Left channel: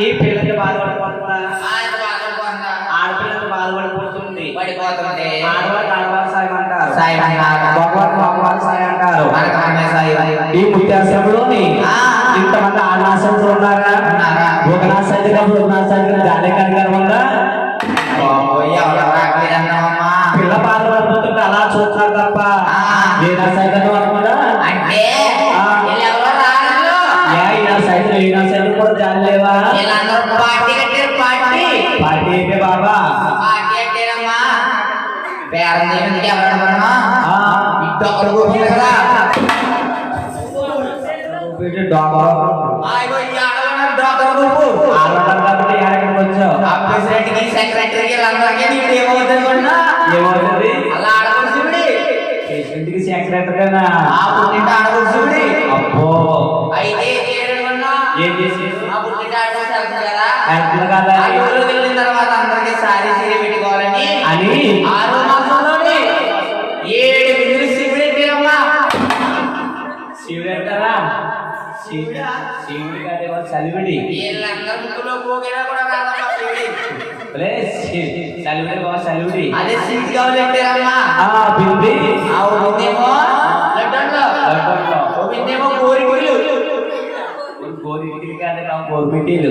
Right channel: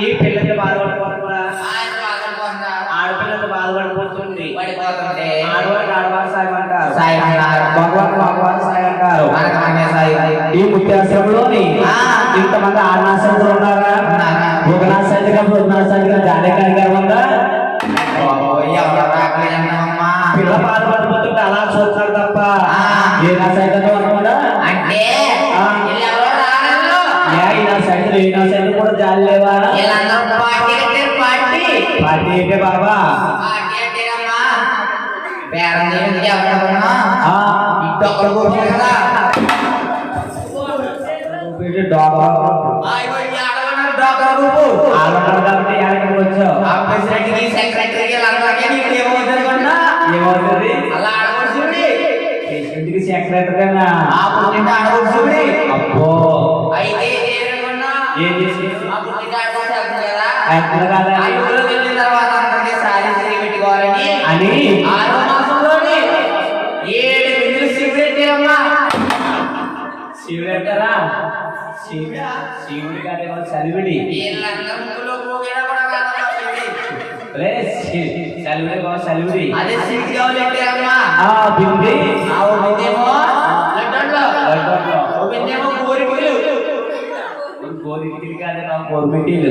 ఈ పిల్లకి బాధపడిపోతుందా ఆడపిల్లకి బాధపడిపోతుంది ఆడవారికి ఆడవారి సాయం అంటారు. సాయం అంటారు. మగవారికి మగవారి సాయం అంటారు. మనకనే సాయం. ఈ ముత్యాశ్రమంలోని ఆ. ఇంతమంది చలివిడి బాబా చలివిడి అదే సీట్ కావాలి పెట్టారమ్మా. ఆ బింది ఆ ఒకటేమో లడ్డూలో. లడ్డూలో. ఒకటేమో కోరికలు. గోరికిలు కాదు నా కోరికలు.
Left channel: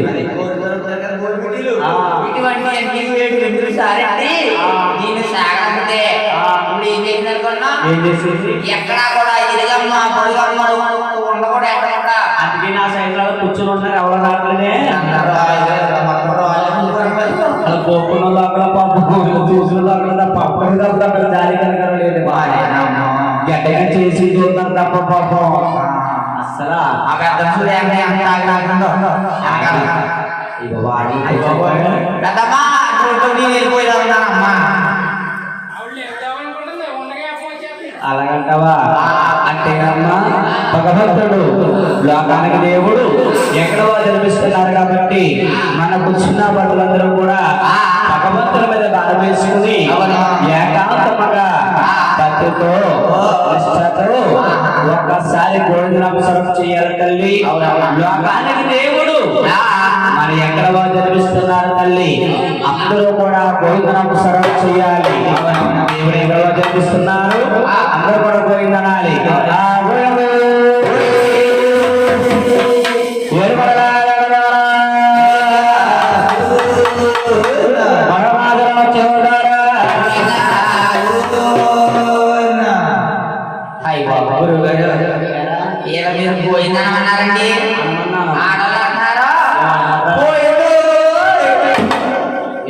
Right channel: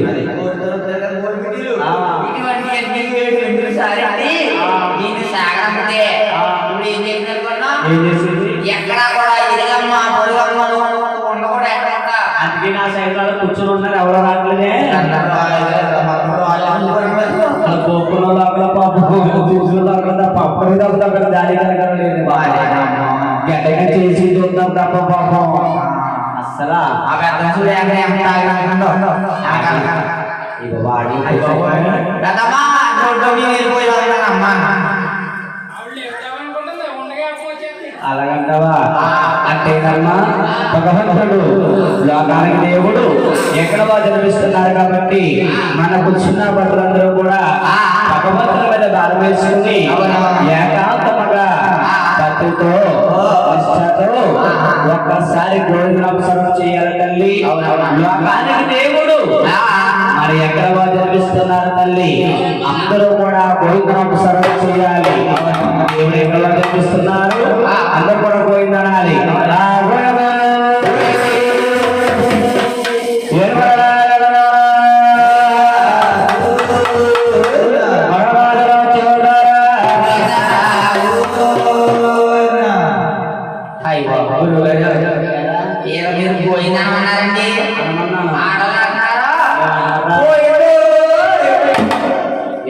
ఆ. ఇటువంటి అన్ని బిందులు సారెట్టి ఆ. దీన్ని సాగడంతే ఆ. ఇప్పుడు ఏం చేసినారనుకున్నా? ఏం చేసేది ఎక్కడా కూడా ఇరుగమ్మ పొడుగమ్మ ఉండకూడదు ఎక్కడ అందుకే నా సైతాలు కూర్చొని ఉన్నారు ఎవరు రావట్లేదే చూసిన లోపల పప్పు లోపల చేసి చూద్దాం తప్ప పాపం అస్సలా అలాగంటావా? అంటే అమ్మా భగవంతుడు లోకానికి దేవుడు ఎక్కడ జన్మిస్తున్నారు కాబట్టి మన కూర్చున్న నిష్ఠతో ఒక్కసారి భోజనాంశం చేయాలి తల్లి. లోకానికి దేవుడు. మరి ఎక్కడ జన్మిస్తున్నారు తల్లి. అందరూ కూడా భోజనం సర్వ చేయాలి. దేవుడు ఎక్కడ జన్మిస్తున్నారు?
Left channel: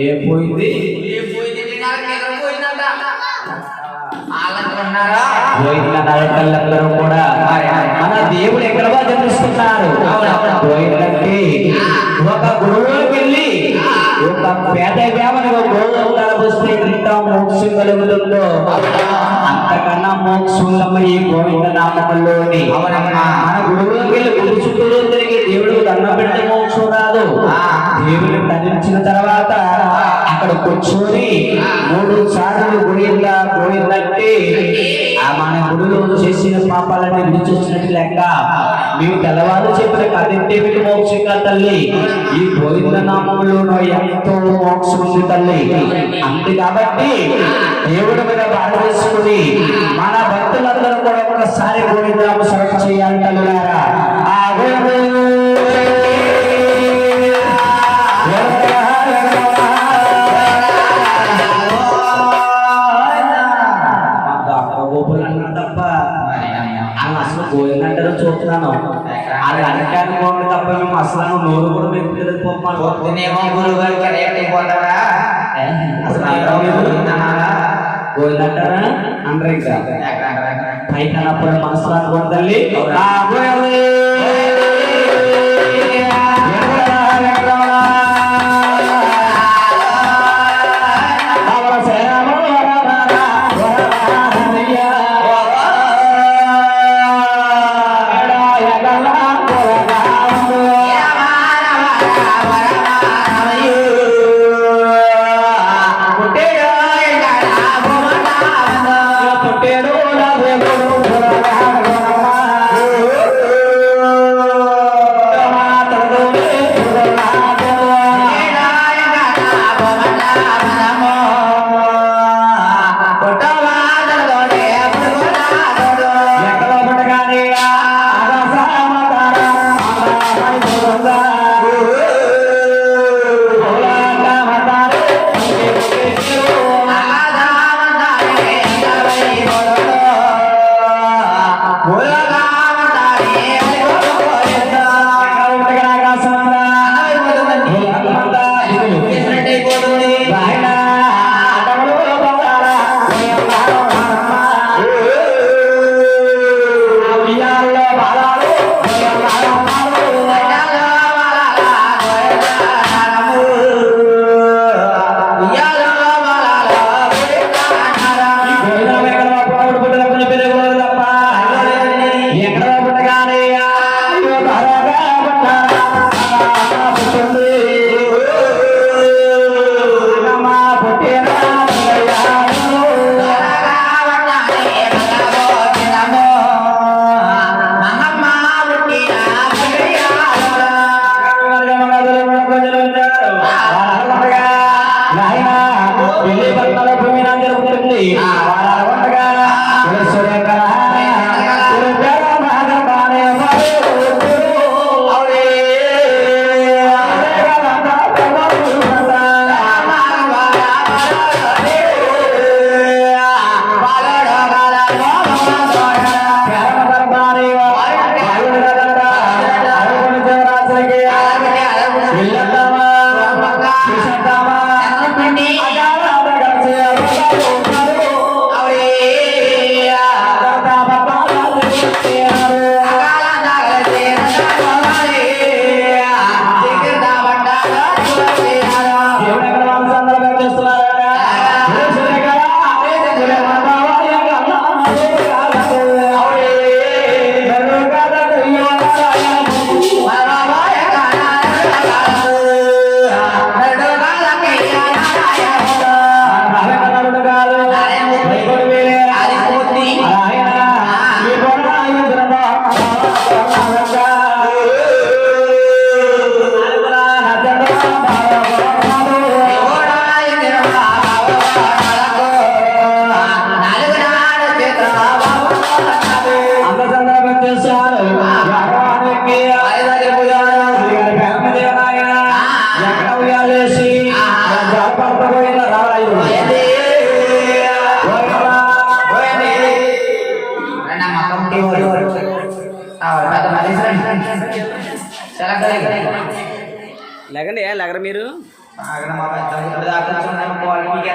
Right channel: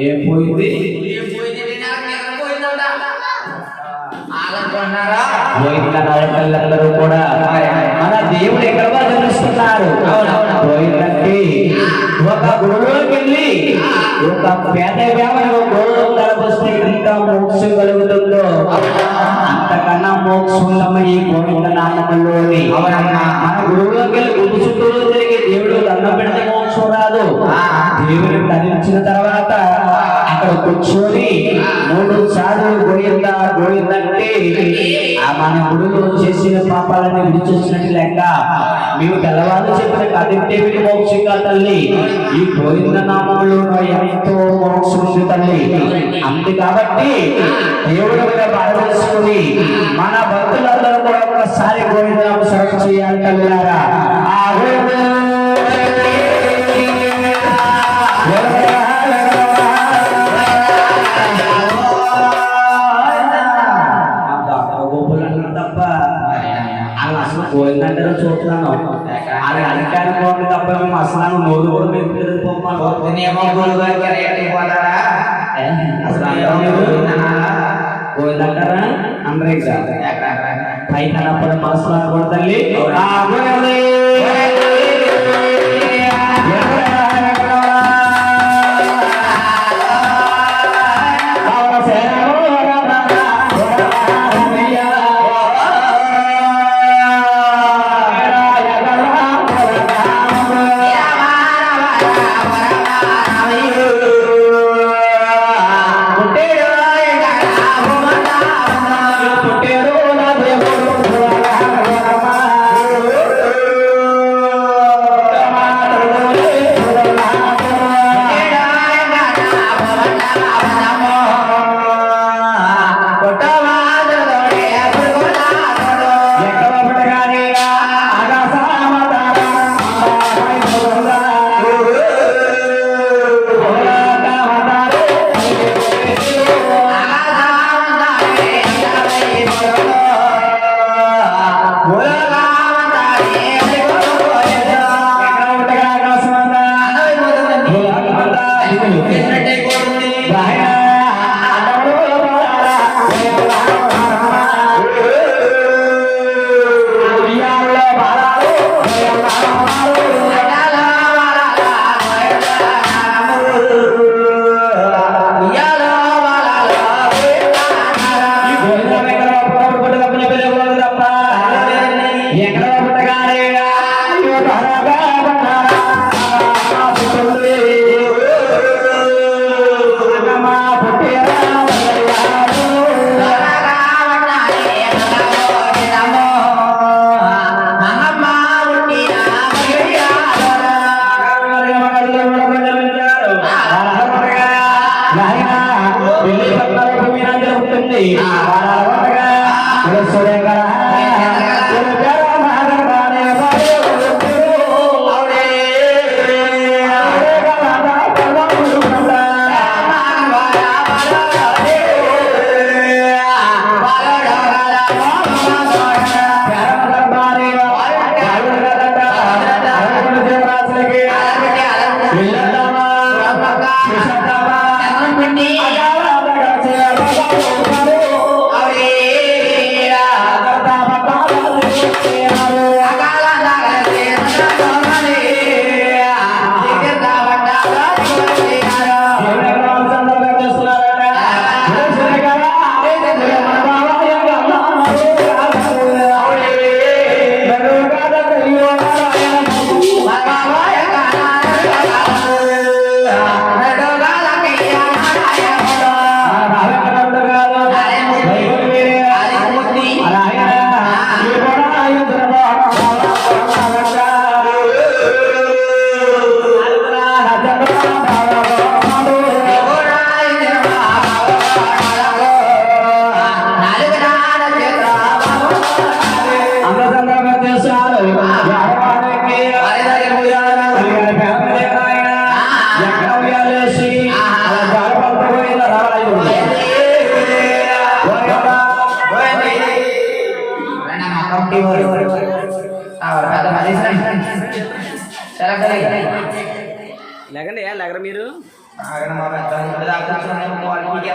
ఏం పోయింది? తల్లందరూ కూడా మన దేవుడు ఎక్కడ జన్మిస్తున్నారు పోయిందంటే ఒక గురువులోకి వెళ్ళి ఒక పేద వేమని ఒక గోవులో కలబొస్తే ఇంకా మోక్షం కలుగుతుందో? అంతకన్నా మోక్షం ఈ గోవింద నామంలోని మన గురువులోకి వెళ్ళి గుడి చుట్టూ తిరిగి దేవుడు పెడితే మోక్షం రాదు. అక్కడ కూర్చొని మూడు సార్లు గోయిందా గోయిందంటే ఆ మన గురువు చేసిన పాపాలన్నీ విడిచొచ్చినట్టు లెక్క. మేము తెల్లవారు చెప్పిన కదింటే కదింటేమిటి మోక్షిక తల్లి. ఈ గోవిందనామ వాళ్ళు అసలు పోయిందంటారో చూస్తున్నాను అది అనటానికి పోండి తప్ప మేము అసలు నోరు కూడా మెత్తుకెళ్ళిపోతున్నాం పొద్దునేమో గురువు గారికి రేట్ అయిపోతారా అసలు ఎలా ఉంది? అందరూ ఇంకా ఎక్కడ ఎక్కడ ఎక్కడ పైకనప్పుడు మనసులో అనుకోండి తల్లి